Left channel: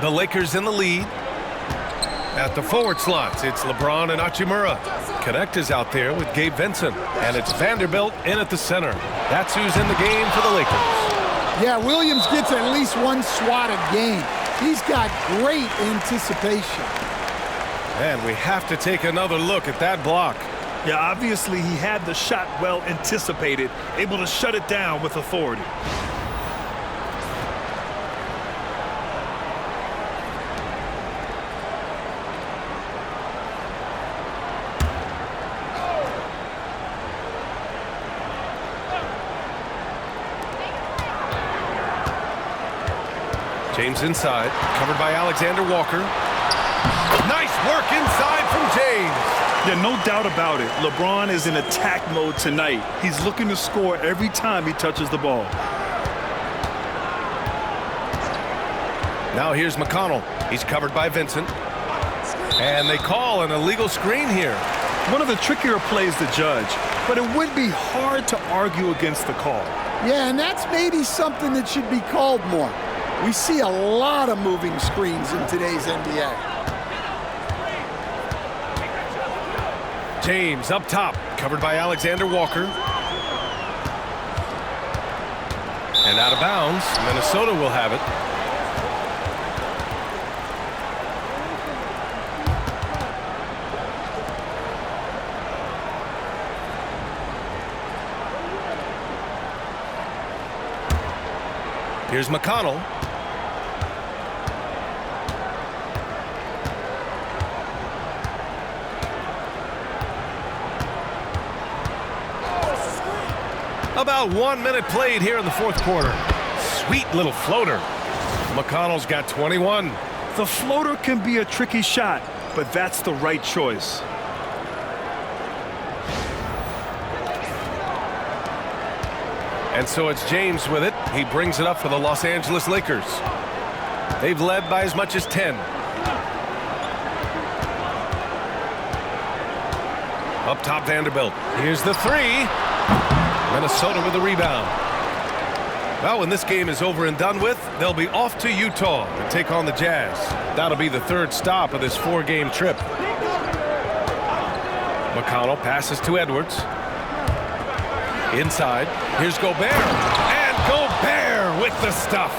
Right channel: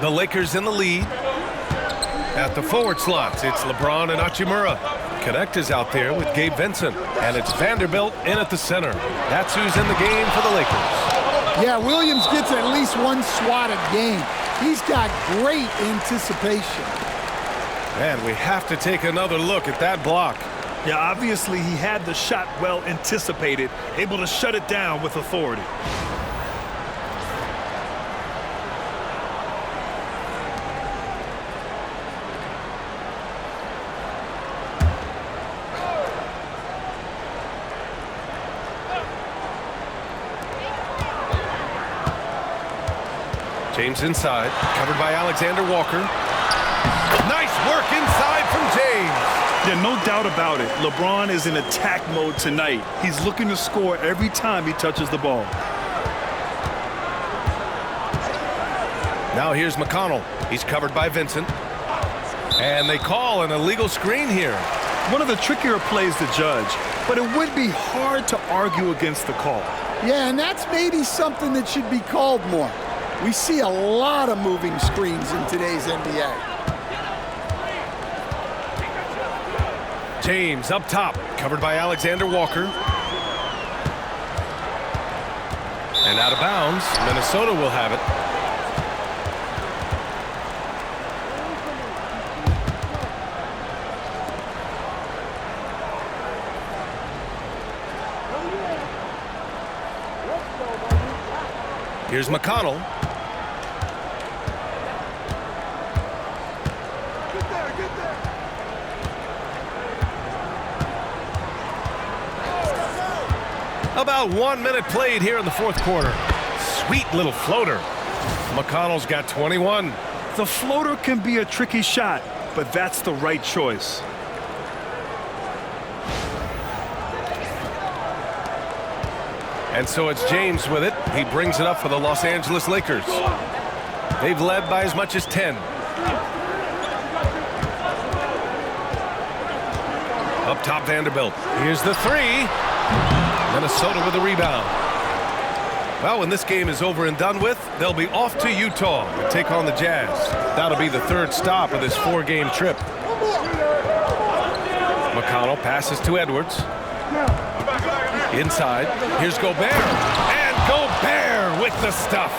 The Lakers in the lead. At the forward slots, it's LeBron and Hachimura. Connect is out there with Gabe Vincent. And it's Vanderbilt in at the center. That's who's in the game for the Lakers. Yeah, Williams gets at least one swat a game. He's got great anticipation. And we have to take another look at that block. Yeah, obviously he had the shot well anticipated, able to shut it down with authority. James inside, covered by Alexander Walker. Nice work inside from James. Yeah, no doubt about it. LeBron is in attack mode tonight. He's looking to score every time he touches the ball. Now here's McConnell. He's covered by Vincent. And they call an illegal screen here. One of the trickier plays to judge, but it would be hard to argue against the call. Yeah, and that's maybe something that should be called more. We see a lot of moving screens in today's NBA. James up top, covered by Alexander Walker. And out of bounds, Minnesota will have it. Here's McConnell. About 1 minute played here in the fourth quarter. Sweet little floater. McConnell's got 21. The floater can be a tricky shot, but that's the right choice. And so it's James with it. He brings it up for the Los Angeles Lakers. They've led by as much as 10. Up top, Vanderbilt. Here's the three. Minnesota with the rebound. Well, when this game is over and done with, they'll be off to Utah and take on the Jazz. That'll be the third stop of this four-game trip. McConnell passes to Edwards. Inside, here's Gobert. And Gobert with the stuff.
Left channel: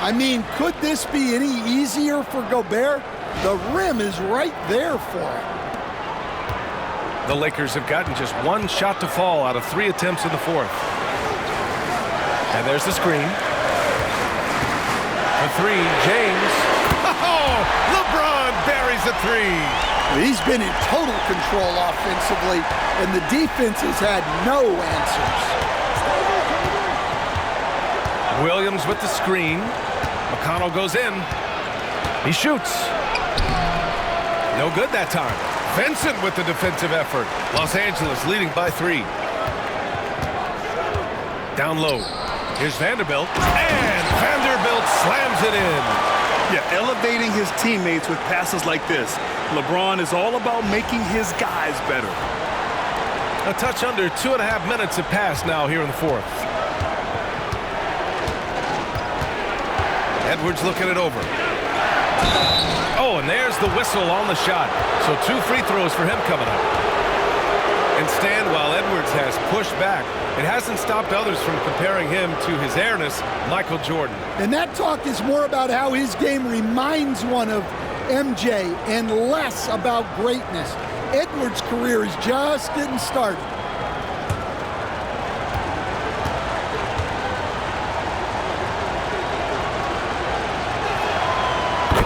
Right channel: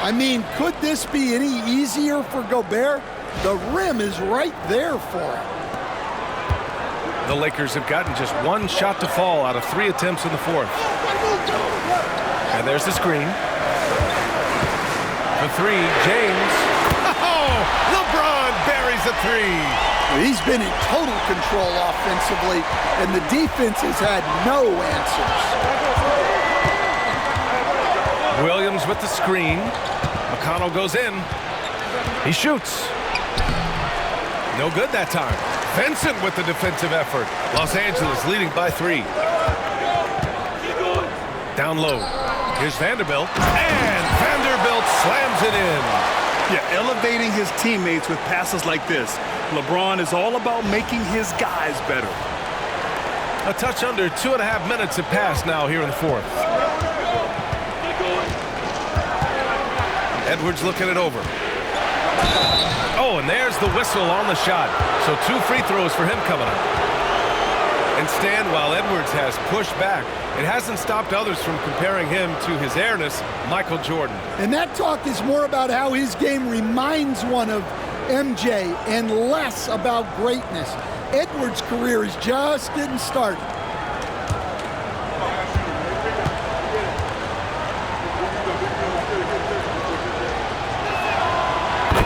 I mean, could this be any easier for Gobert? The rim is right there for it. The Lakers have gotten just one shot to fall out of 3 attempts in the fourth. And there's the screen. For three, James. Oh, LeBron buries a three. Well, he's been in total control offensively, and the defense has had no answers. Williams with the screen. McConnell goes in. He shoots. No good that time. Vincent with the defensive effort. Los Angeles leading by 3. Down low. Here's Vanderbilt. And Vanderbilt slams it in. Yeah, elevating his teammates with passes like this. LeBron is all about making his guys better. A touch under 2.5 minutes have passed now here in the fourth. Edwards looking it over. Oh, and there's the whistle on the shot. So 2 free throws for him coming up. And Stan, while Edwards has pushed back, it hasn't stopped others from comparing him to his airness, Michael Jordan. And that talk is more about how his game reminds one of MJ and less about greatness. Edwards' career is just getting started.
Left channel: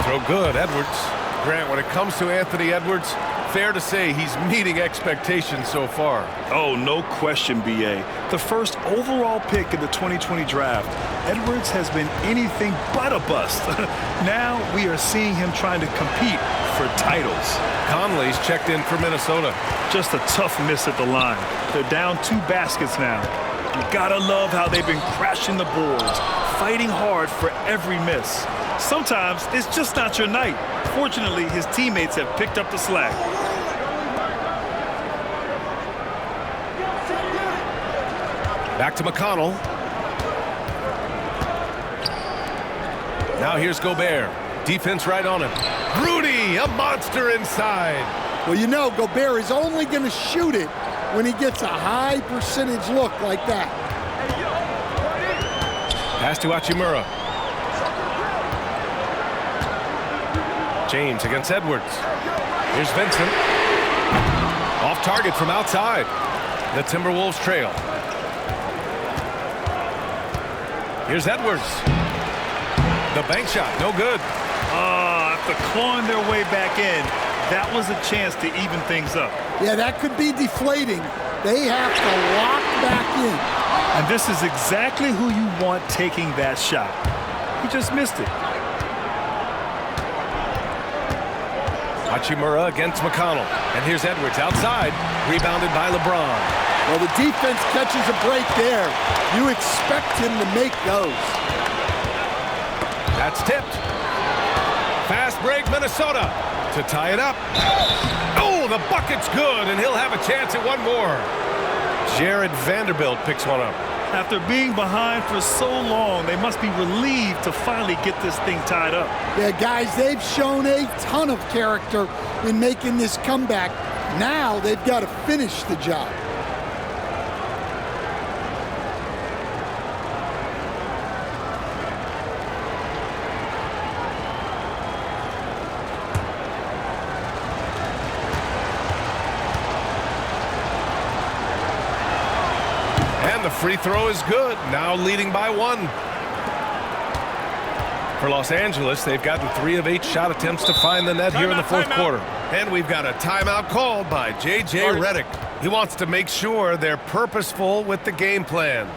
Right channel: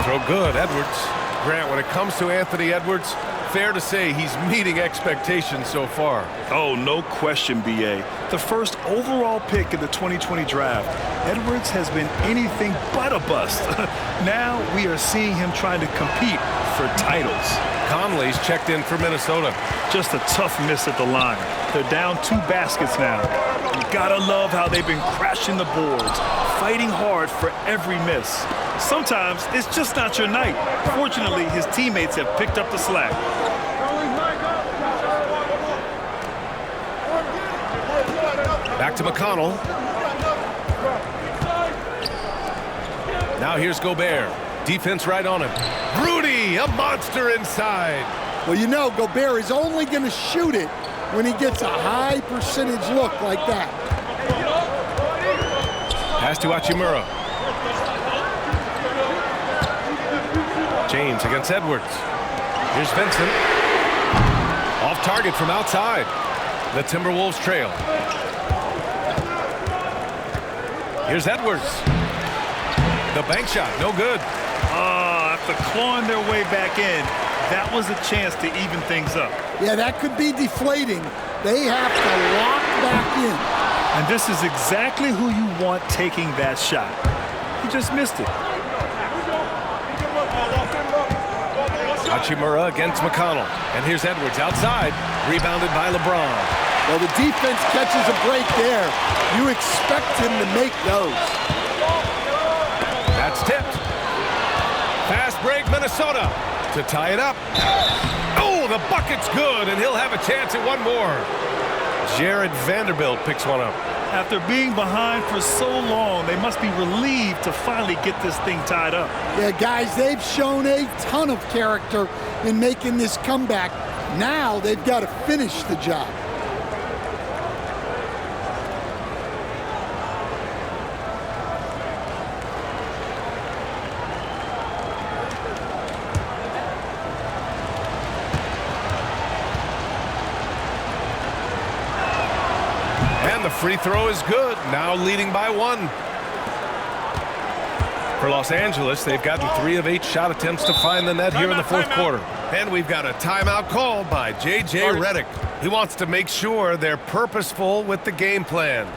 Throw good, Edwards. Grant, when it comes to Anthony Edwards, fair to say he's meeting expectations so far. Oh, no question, B.A. The first overall pick in the 2020 draft, Edwards has been anything but a bust. Now we are seeing him trying to compete for titles. Conley's checked in for Minnesota. Just a tough miss at the line. They're down 2 baskets now. You gotta love how they've been crashing the boards, fighting hard for every miss. Sometimes it's just not your night. Fortunately, his teammates have picked up the slack. Back to McConnell. Now here's Gobert. Defense right on him. Rudy, a monster inside. Well, you know, Gobert is only going to shoot it when he gets a high percentage look like that. Pass to Hachimura. James against Edwards. Here's Vincent. Off target from outside. The Timberwolves trail. Here's Edwards. The bank shot, no good. After clawing their way back in, that was a chance to even things up. Yeah, that could be deflating. They have to lock back in. And this is exactly who you want taking that shot. He just missed it. Hachimura against McConnell. And here's Edwards outside. Rebounded by LeBron. Well, the defense catches a break there. You expect him to make those. That's tipped. Fast break, Minnesota to tie it up. Oh, the bucket's good, and he'll have a chance at one more. Jared Vanderbilt picks one up. After being behind for so long, they must be relieved to finally get this thing tied up. Yeah, guys, they've shown a ton of character in making this comeback. Now they've got to finish the job. And the free throw is good, now leading by one. For Los Angeles, they've gotten 3 of 8 shot attempts to find the net here in the fourth quarter. And we've got a timeout called by J.J. Redick. He wants to make sure they're purposeful with the game plan.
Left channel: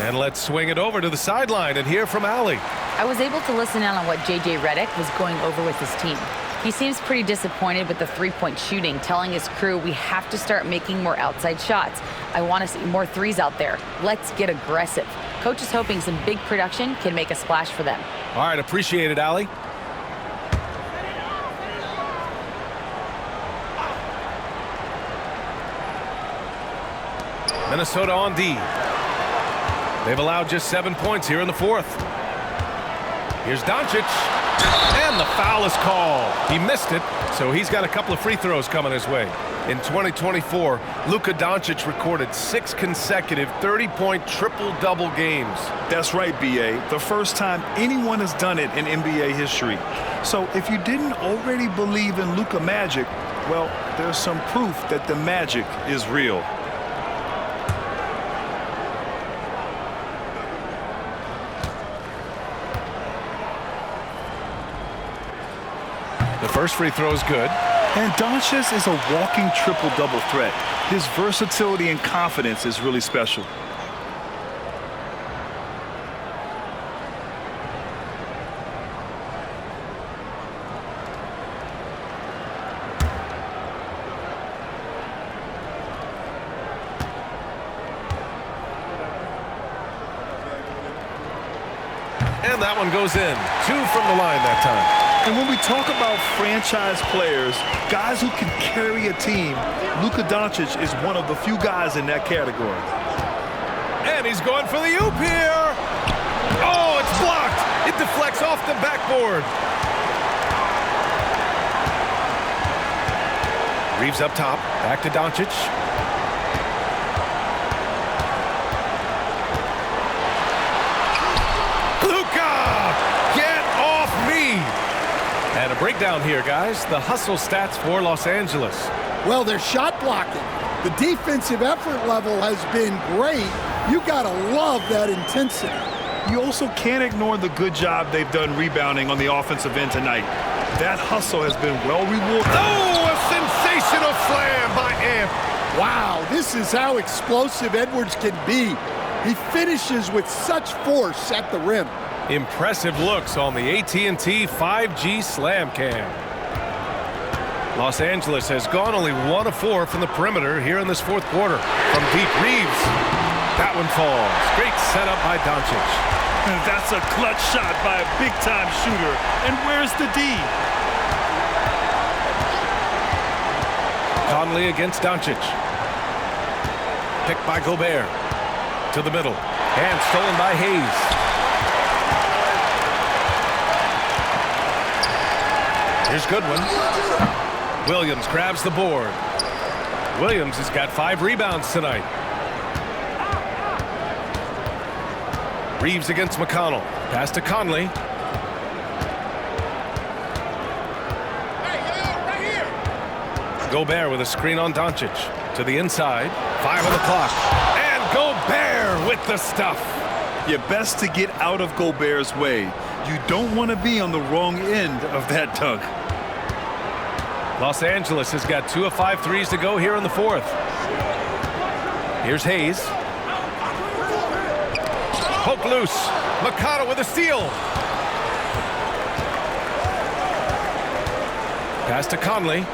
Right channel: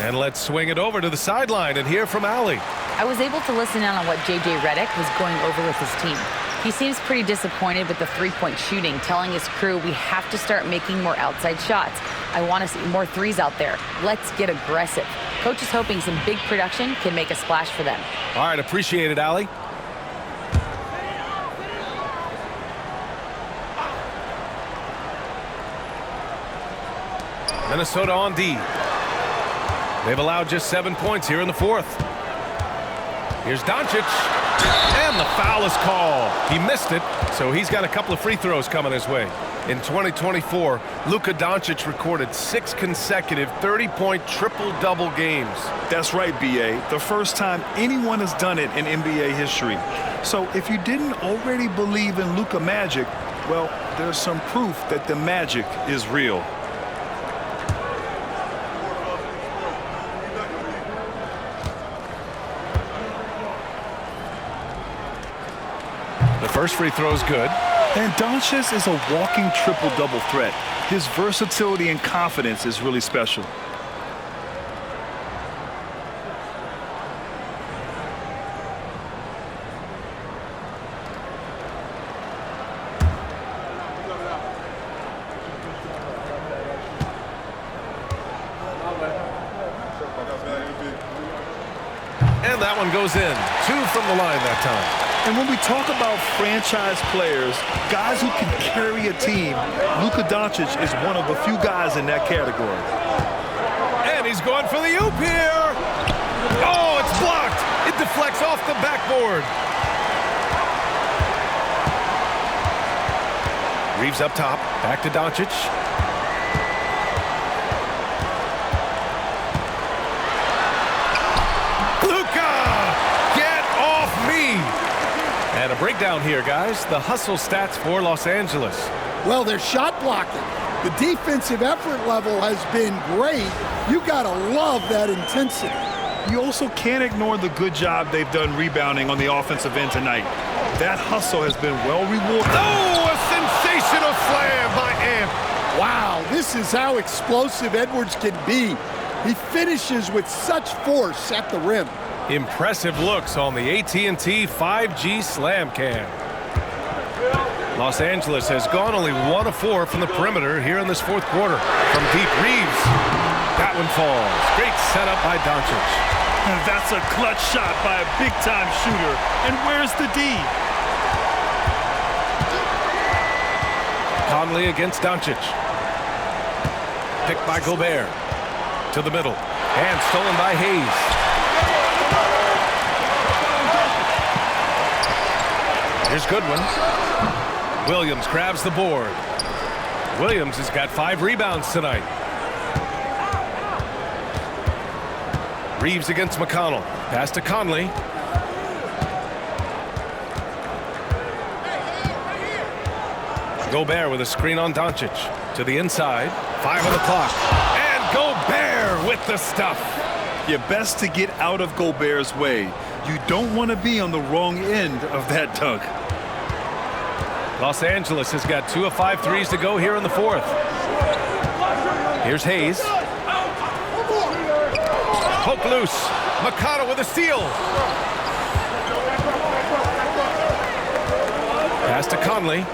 And let's swing it over to the sideline and hear from Allie. I was able to listen in on what J.J. Redick was going over with his team. He seems pretty disappointed with the three-point shooting, telling his crew we have to start making more outside shots. I want to see more threes out there. Let's get aggressive. Coach is hoping some big production can make a splash for them. All right, appreciate it, Allie. Minnesota on D. They've allowed just 7 points here in the fourth. Here's Doncic. And the foul is called. He missed it, so he's got a couple of free throws coming his way. In 2024, Luka Doncic recorded 6 consecutive 30-point triple-double games. That's right, B.A. The first time anyone has done it in NBA history. So if you didn't already believe in Luka magic, well, there's some proof that the magic is real. The first free throw is good. And Doncic is a walking triple-double threat. His versatility and confidence is really special. And that one goes in. 2 from the line that time. And when we talk about franchise players, guys who can carry a team, Luka Doncic is one of the few guys in that category. And he's going for the oop here. Oh, it's blocked. It deflects off the backboard. Reeves up top. Back to Doncic. Luka! Get off me! And a breakdown here, guys. The hustle stats for Los Angeles. Well, their shot blocking. The defensive effort level has been great. You gotta love that intensity. You also can't ignore the good job they've done rebounding on the offensive end tonight. That hustle has been well rewarded. Oh, a sensational slam by Amp. Wow, this is how explosive Edwards can be. He finishes with such force at the rim. Impressive looks on the AT&T 5G Slam Cam. Los Angeles has gone only 1 of 4 from the perimeter here in this fourth quarter. From deep, Reeves. That one falls. Great setup by Doncic. That's a clutch shot by a big-time shooter. And where's the D? Conley against Doncic. Picked by Gobert. To the middle. And stolen by Hayes. Here's Goodwin. Williams grabs the board. Williams has got 5 rebounds tonight. Reeves against McConnell. Pass to Conley. Gobert with a screen on Doncic. To the inside. 5 on the clock. And Gobert with the stuff. You're best to get out of Gobert's way. You don't want to be on the wrong end of that dunk. Los Angeles has got 2 of 5 threes to go here in the fourth. Here's Hayes. Poke loose. McConnell with a steal. Pass to Conley.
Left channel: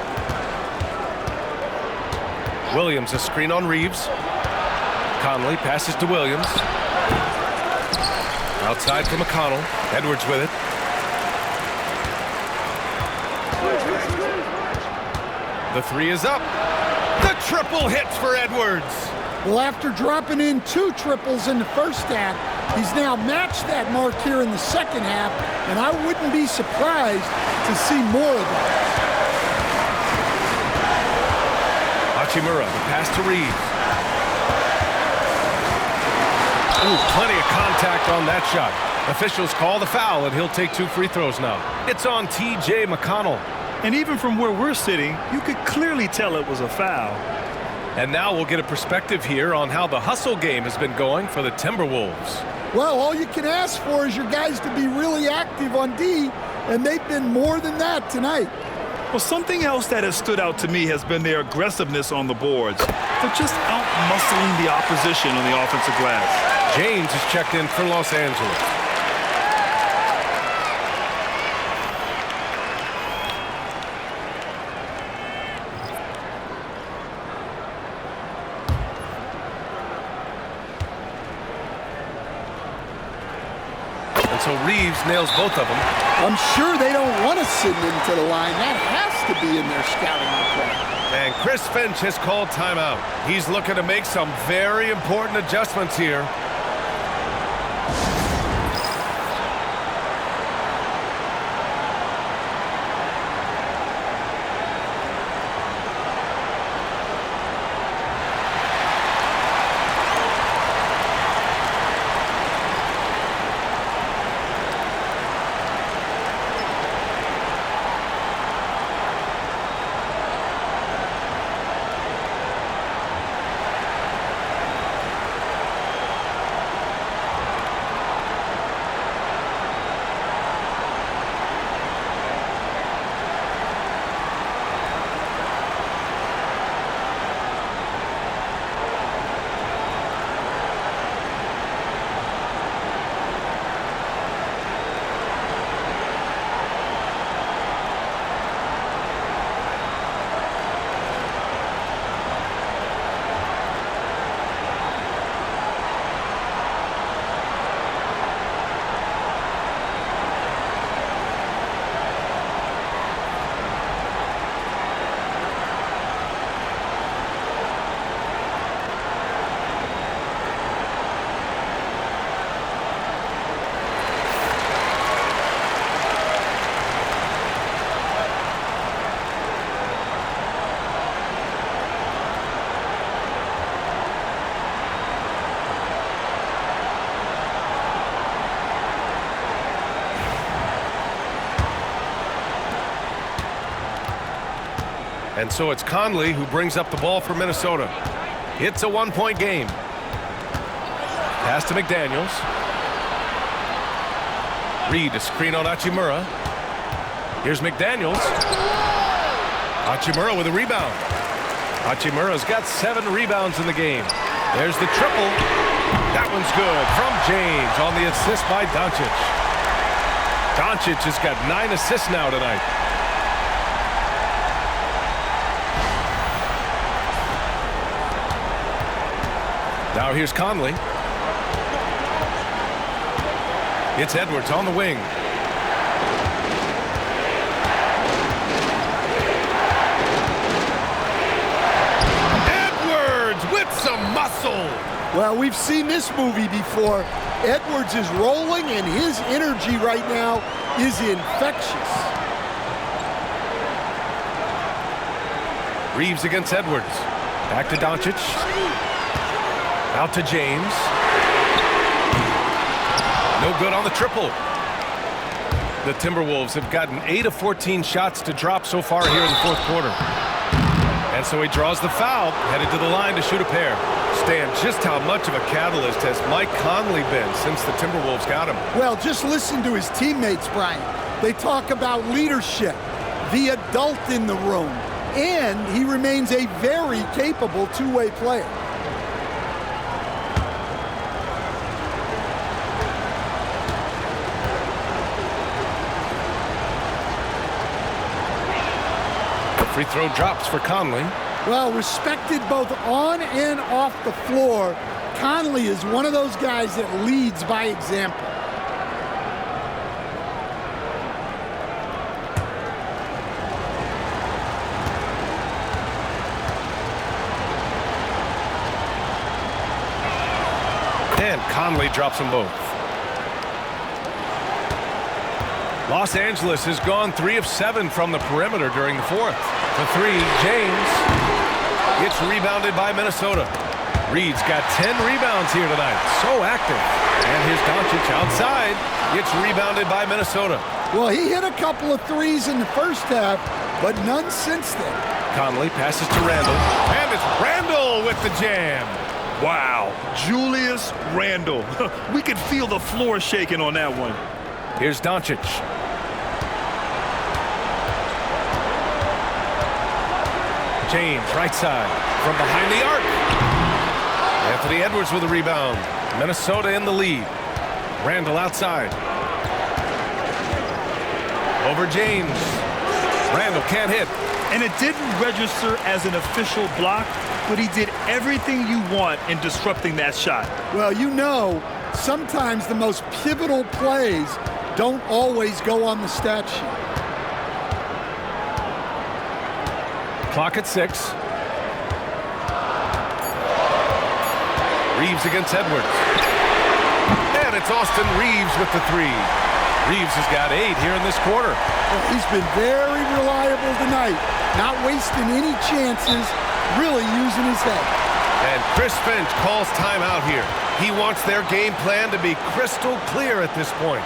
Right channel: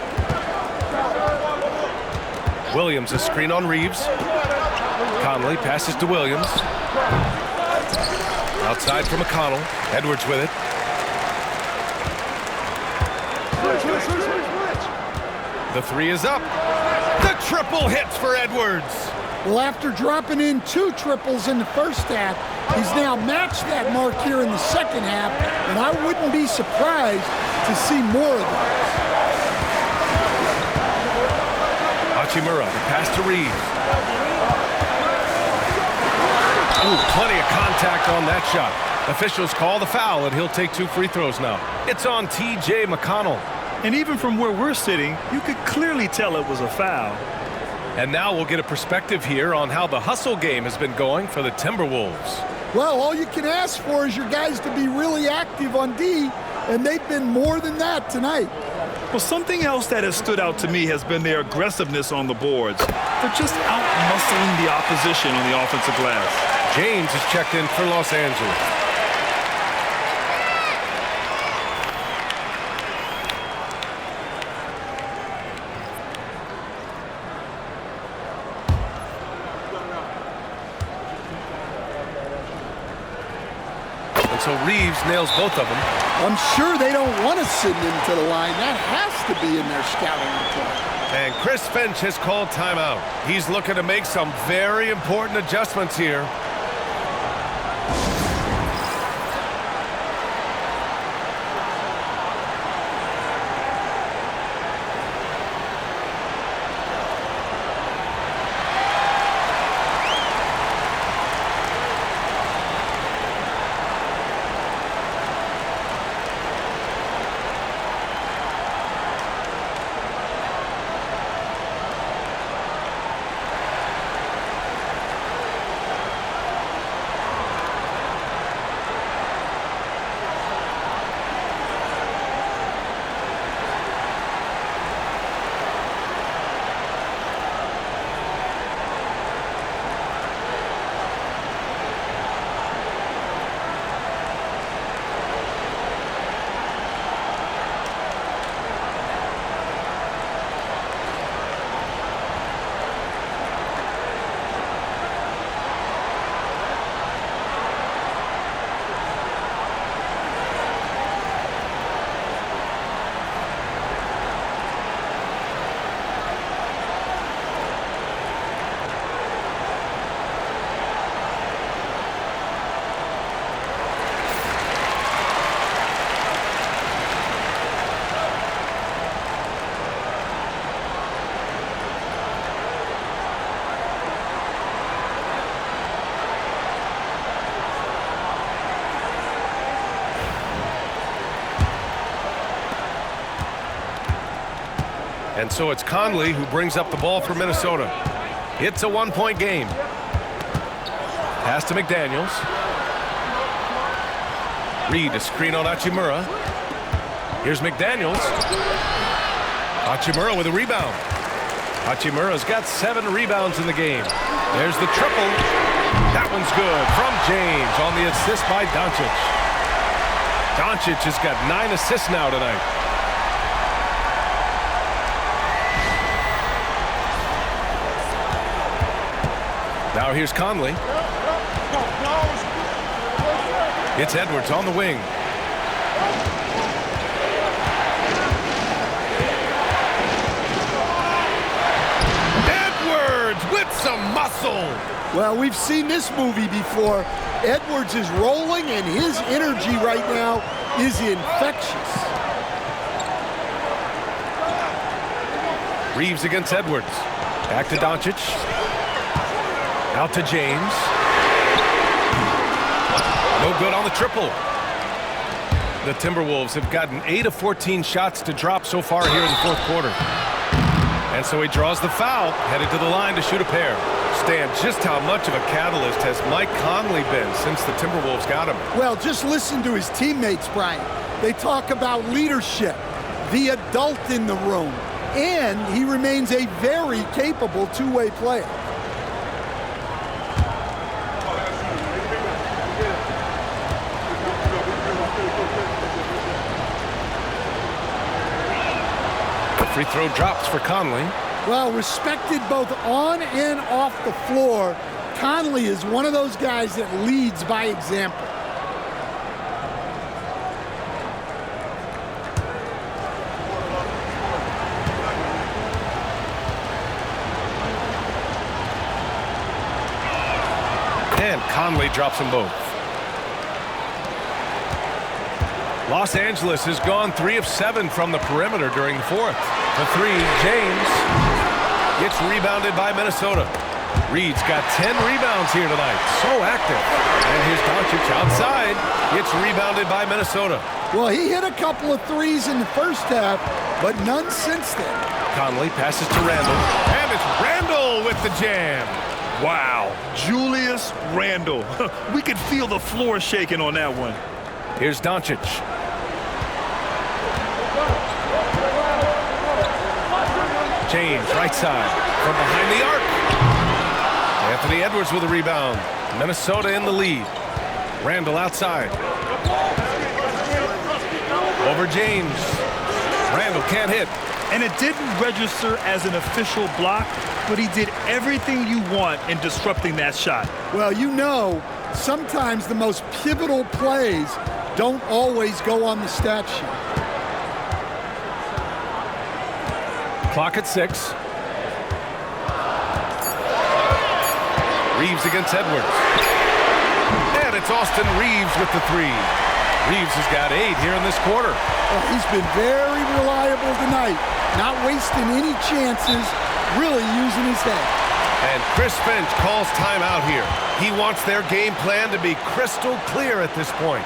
Williams a screen on Reeves. Conley passes to Williams. Outside for McConnell. Edwards with it. The 3 is up. The triple hits for Edwards. Well, after dropping in 2 triples in the first half, he's now matched that mark here in the second half, and I wouldn't be surprised to see more of that. Hachimura, the pass to Reeves. Ooh, plenty of contact on that shot. Officials call the foul, and he'll take 2 free throws now. It's on T.J. McConnell. And even from where we're sitting, you could clearly tell it was a foul. And now we'll get a perspective here on how the hustle game has been going for the Timberwolves. Well, all you can ask for is your guys to be really active on D, and they've been more than that tonight. Well, something else that has stood out to me has been their aggressiveness on the boards. They're just out-muscling the opposition on the offensive glass. James is checked in for Los Angeles. And so Reeves nails both of them. I'm sure they don't want to send him to the line. That has to be in their scouting report. And Chris Finch has called timeout. He's looking to make some very important adjustments here. And so it's Conley who brings up the ball for Minnesota. It's a one-point game. Pass to McDaniels. Reed, a screen on Hachimura. Here's McDaniels. Hachimura with a rebound. Hachimura's got 7 rebounds in the game. There's the triple. That one's good from James on the assist by Doncic. Doncic has got 9 assists now tonight. Now here's Conley. It's Edwards on the wing. Edwards with some muscle. Well, we've seen this movie before. Edwards is rolling, and his energy right now is infectious. Reeves against Edwards. Back to Doncic. Out to James. No good on the triple. The Timberwolves have gotten 8 of 14 shots to drop so far here in the fourth quarter. And so he draws the foul, headed to the line to shoot a pair. Stan, just how much of a catalyst has Mike Conley been since the Timberwolves got him? Well, just listen to his teammates, Brian. They talk about leadership, the adult in the room, and he remains a very capable two-way player. Free throw drops for Conley. Well, respected both on and off the floor, Conley is one of those guys that leads by example. And Conley drops them both. Los Angeles has gone 3 of 7 from the perimeter during the fourth. For 3, James. It's rebounded by Minnesota. Reed's got 10 rebounds here tonight. So active. And here's Doncic outside. It's rebounded by Minnesota. Well, he hit a couple of threes in the first half, but none since then. Conley passes to Randle. And it's Randle with the jam. Wow, Julius Randle. We could feel the floor shaking on that one. Here's Doncic. James, right side, from behind the arc. Anthony Edwards with a rebound. Minnesota in the lead. Randle outside. Over James. Randle can't hit. And it didn't register as an official block, but he did everything you want in disrupting that shot. Well, you know, sometimes the most pivotal plays don't always go on the stat sheet. Clock at 6. Reeves against Edwards. And it's Austin Reeves with the 3. Reeves has got 8 here in this quarter. Well, he's been very reliable tonight, not wasting any chances, really using his head. And Chris Finch calls timeout here. He wants their game plan to be crystal clear at this point.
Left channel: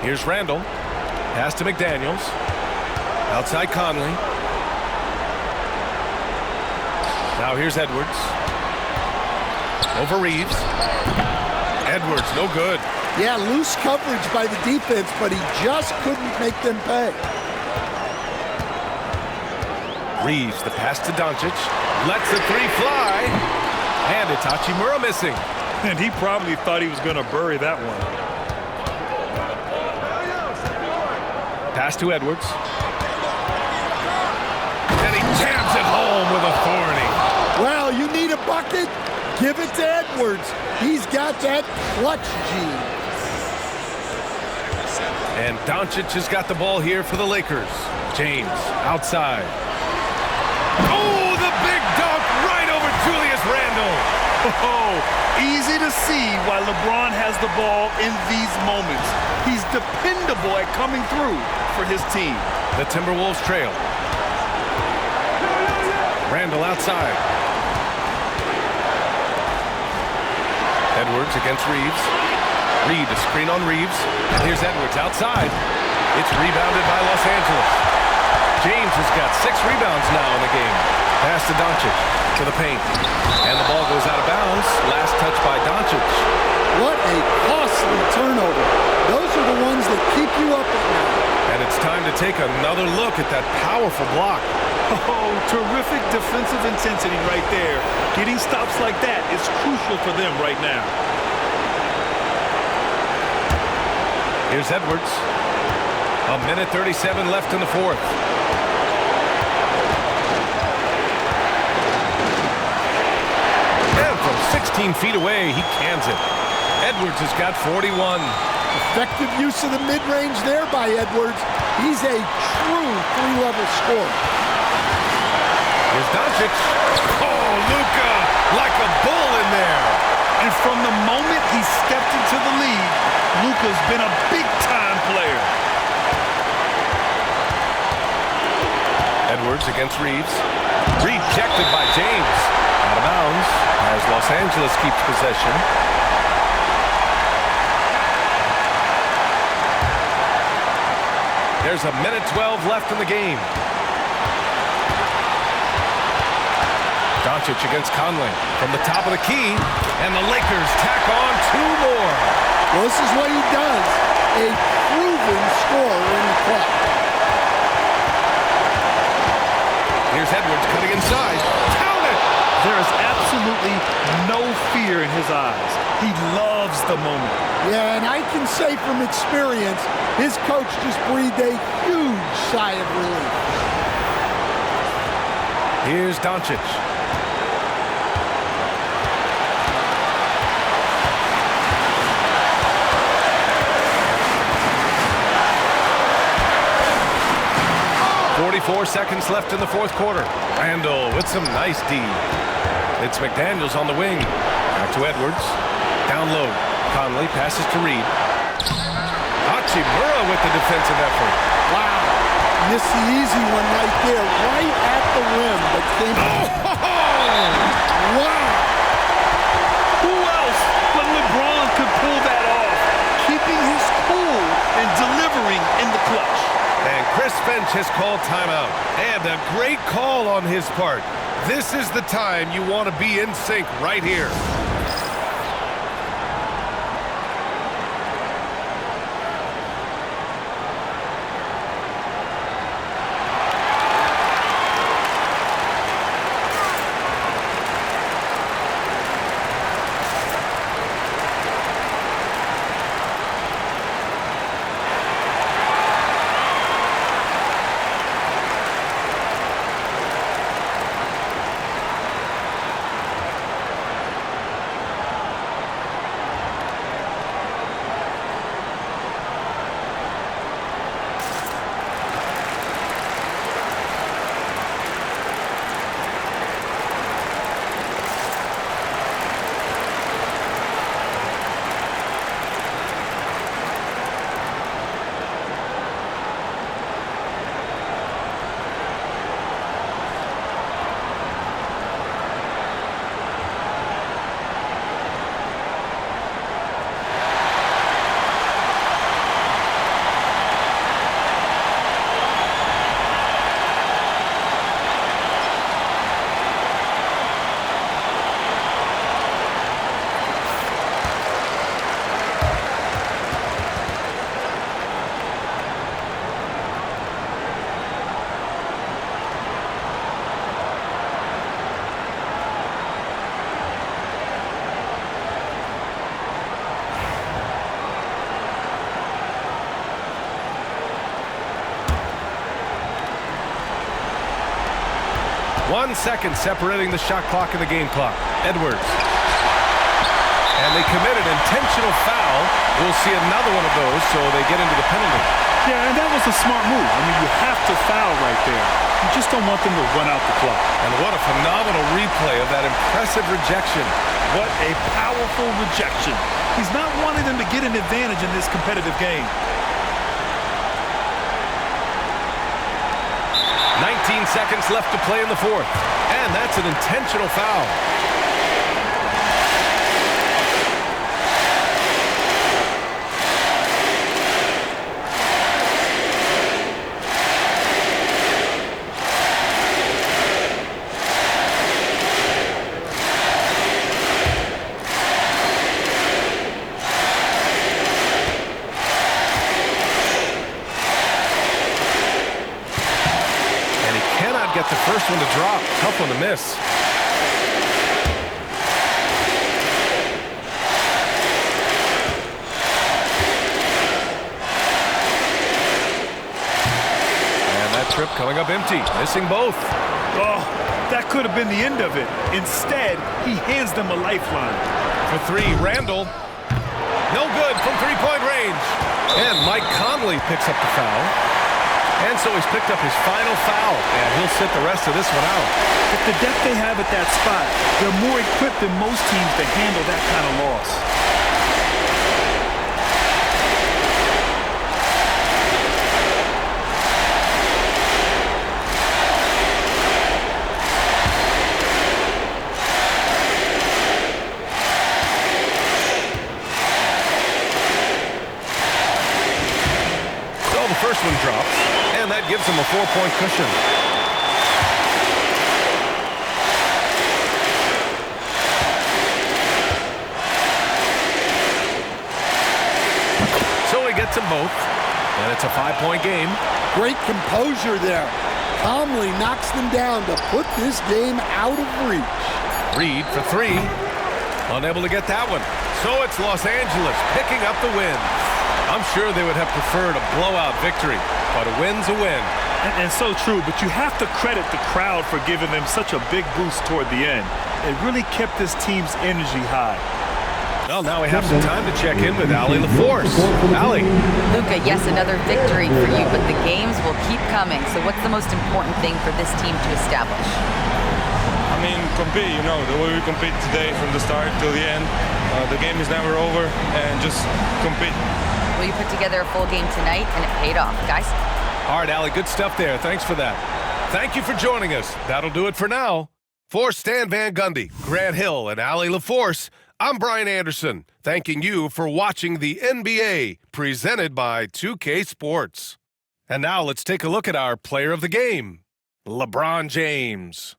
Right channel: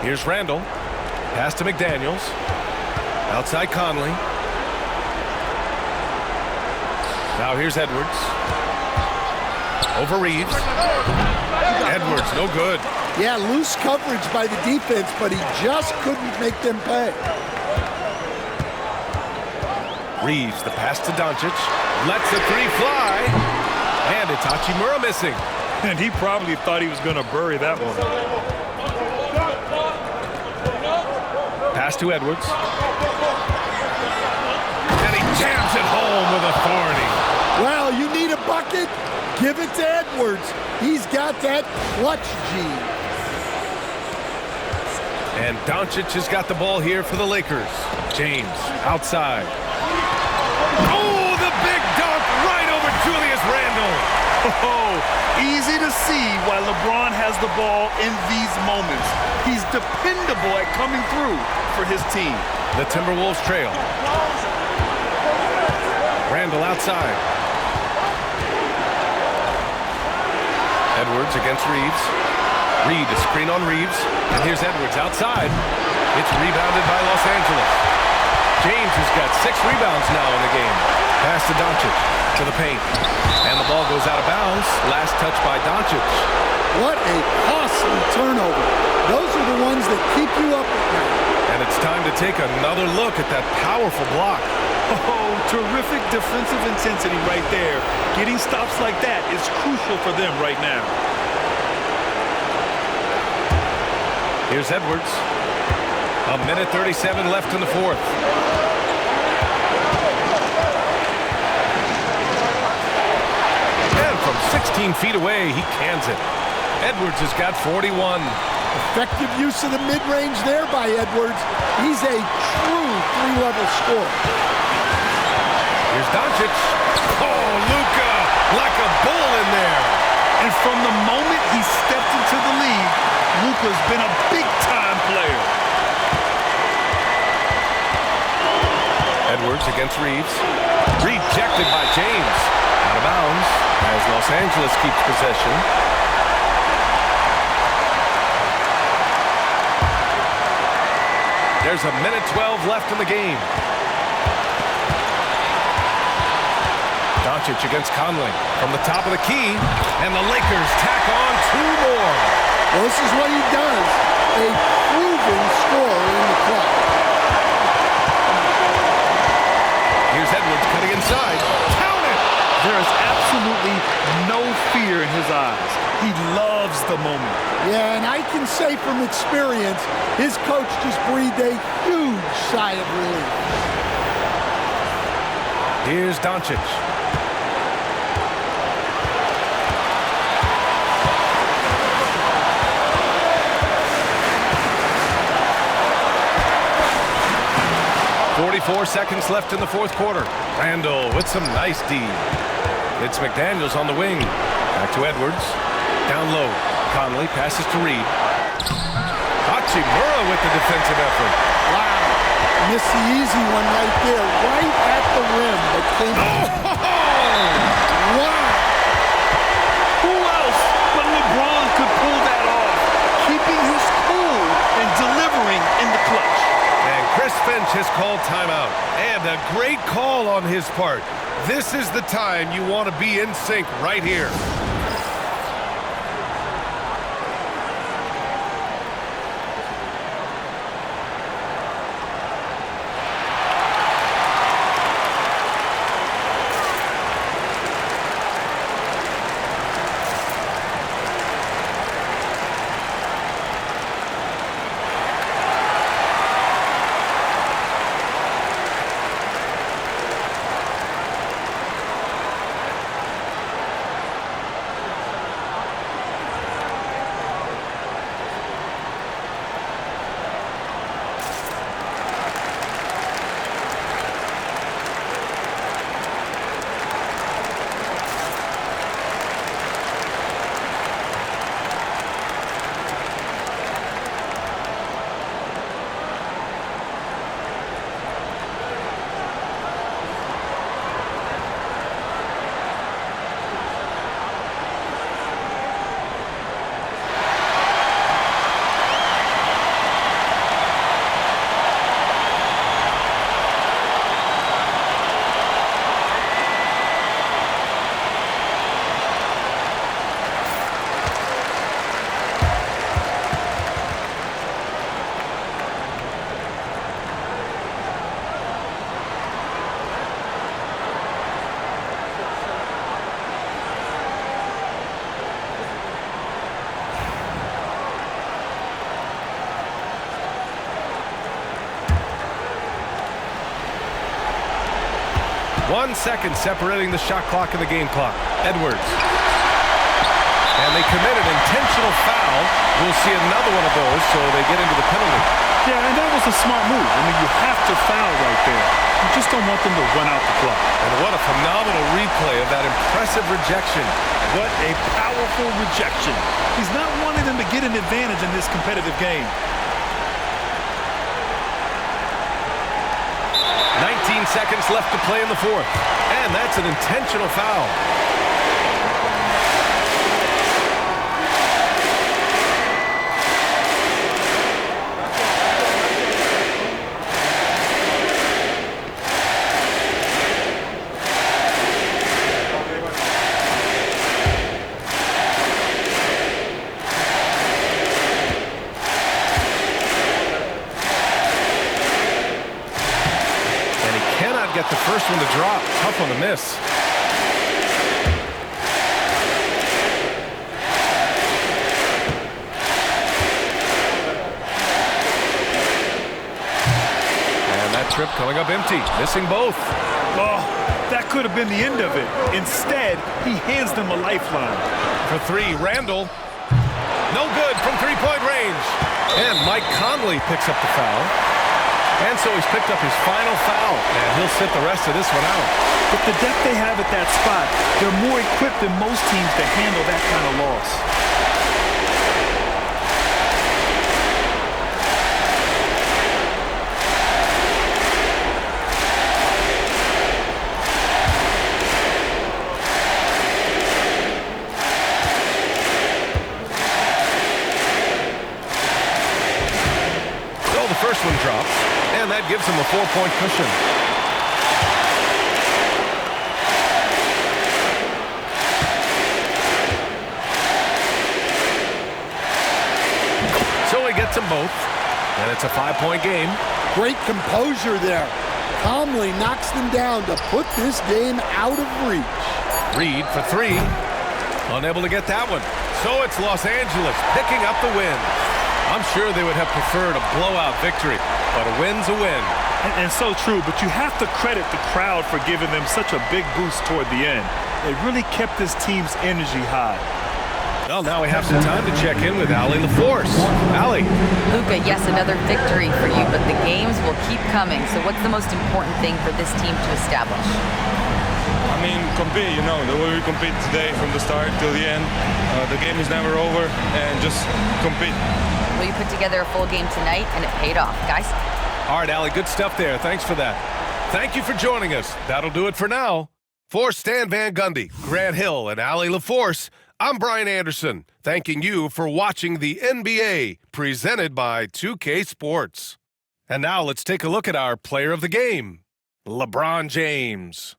Here's Randall. Pass to McDaniels. Outside Conley. Now here's Edwards. Over Reeves. Edwards, no good. Yeah, loose coverage by the defense, but he just couldn't make them pay. Reeves, the pass to Doncic. Lets a three fly. And it's Hachimura missing. And he probably thought he was going to bury that one. Pass to Edwards. And he jams it home with authority. Well, you need a bucket? Give it to Edwards. He's got that clutch gene. And Doncic has got the ball here for the Lakers. James, outside. Oh, the big dunk right over Julius Randle. Oh, easy to see why LeBron has the ball in these moments. He's dependable at coming through for his team. The Timberwolves trail. Randle outside. Edwards against Reeves. Reed, a screen on Reeves. And here's Edwards outside. It's rebounded by Los Angeles. James has got 6 rebounds now in the game. Pass to Doncic to the paint. And the ball goes out of bounds. Last touch by Doncic. What a costly turnover. Those are the ones that keep you up at night. And it's time to take another look at that powerful block. Oh, terrific defensive intensity right there. Getting stops like that is crucial for them right now. Here's Edwards. A minute 37 left in the fourth. And from 16 feet away, he cans it. Edwards has got 41. Effective use of the mid-range there by Edwards. He's a true 3-level scorer. Here's Doncic. Oh, Luka, like a bull in there. And from the moment he stepped into the league, Luka's been a big-time player. Edwards against Reeves. Rejected by James. Out of bounds as Los Angeles keeps possession. There's a minute 12 left in the game. Doncic against Conley from the top of the key, and the Lakers tack on 2 more. Well, this is what he does, a proven scorer in the clutch. Here's Edwards cutting inside. Count it! There is absolutely no fear in his eyes. He loves the moment. Yeah, and I can say from experience, his coach just breathed a huge sigh of relief. Here's Doncic. .44 seconds left in the fourth quarter. Randall with some nice D. It's McDaniels on the wing. Back to Edwards. Down low. Conley passes to Reed. Hachimura with the defensive effort. Wow. Missed the easy one right there, right at the rim, but came Wow. Who else but LeBron could pull that off, keeping his cool and delivering in the clutch. And Chris Finch has called timeout. And a great call on his part. This is the time you want to be in sync right here. 1 second separating the shot clock and the game clock. Edwards. And they commit an intentional foul. We'll see another one of those, so they get into the penalty. Yeah, and that was a smart move. I mean, you have to foul right there. You just don't want them to run out the clock. And what a phenomenal replay of that impressive rejection. What a powerful rejection. He's not wanting them to get an advantage in this competitive game. 19 seconds left to play in the fourth. And that's an intentional foul. Cannot get the first one to drop. Tough one to miss. And that trip coming up empty. Missing both. Oh, that could have been the end of it. Instead, he hands them a lifeline. For three, Randall. No good from three-point range. And Mike Conley picks up the foul. And so he's picked up his final foul, and he'll sit the rest of this one out. With the depth they have at that spot, they're more equipped than most teams to handle that kind of loss. So the first one drops. And that gives him a 4-point cushion. So he gets them both. And it's a 5-point game. Great composure there. Calmly knocks them down to put this game out of reach. Reed for three. Unable to get that one. So it's Los Angeles picking up the win. I'm sure they would have preferred a blowout victory, but a win's a win. And so true, but you have to credit the crowd for giving them such a big boost toward the end. It really kept this team's energy high. Well, now we have some time to check in with Allie LaForce. Allie. Luka, yes, another victory for you, but the games will keep coming. So what's the most important thing for this team to establish? I mean, compete, you know, the way we compete today from the start till the end. The game is never over, and just compete. Well, you put together a full game tonight, and it paid off. Guys? All right, Allie, good stuff there. Thanks for that. Thank you for joining us. That'll do it for now. For Stan Van Gundy, Grant Hill, and Allie LaForce, I'm Brian Anderson, thanking you for watching the NBA, presented by 2K Sports. And now let's take a look at our player of the game, LeBron James.